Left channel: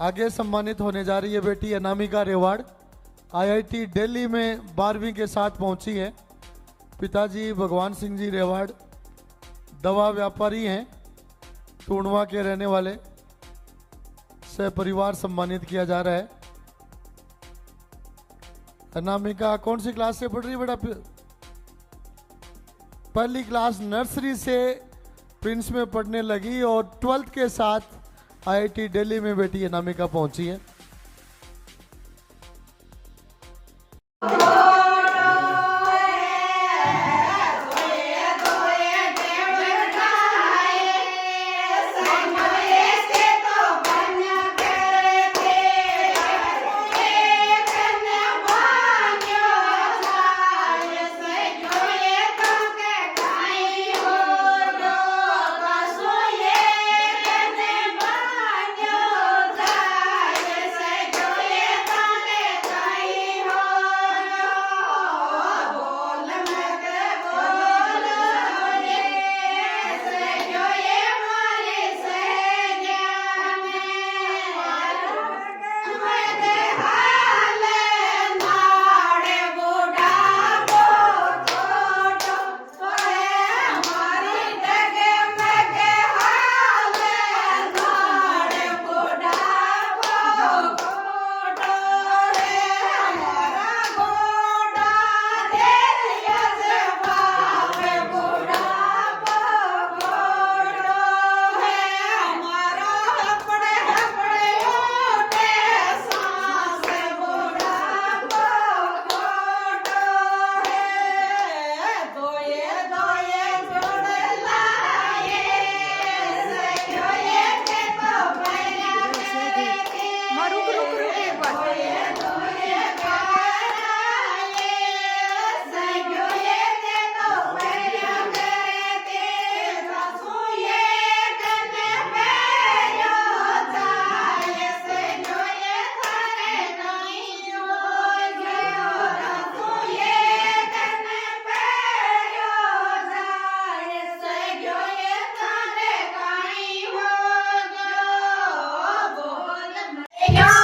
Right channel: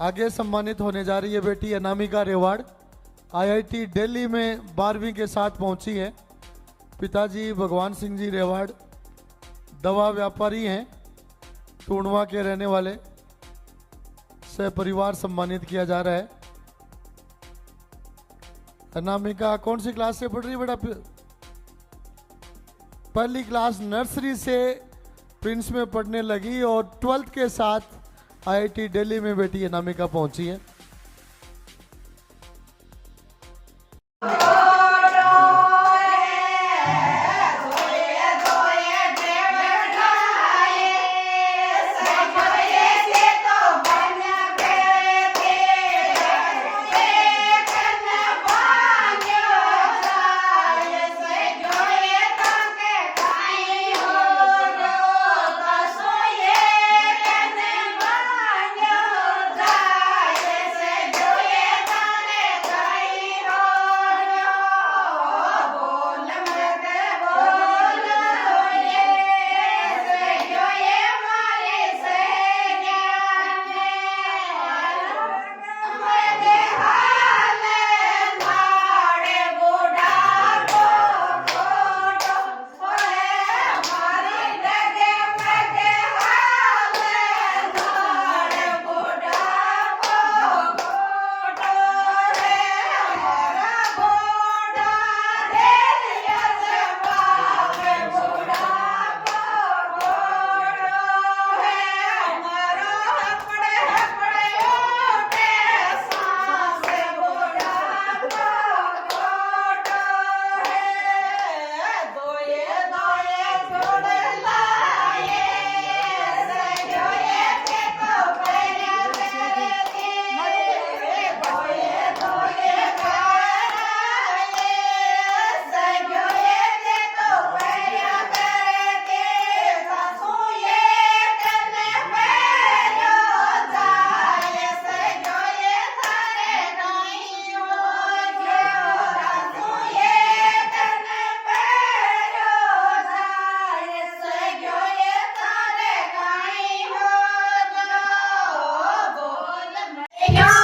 आगे सम्मानित होने जा रही है बेटी अनामिका रेवाड़। आईआईटी दिल्ली में 12वीं के साथ पहुंची है। पिताजी भगवान सिंह जी रेवाड़ दवा व्यापारी हैं, टूणवा के रहने वाले। से परिवार सम्मानित किया जा रहा है। अनामिका कौन सी क्लास से पढ़ रही है बेटा? पहली क्लास नर्सरी से प्रिंस में पढ़ने लगी और 12th के साथ आईआईटी दिल्ली में बेटी अनामिका पहुंची है। Yeah.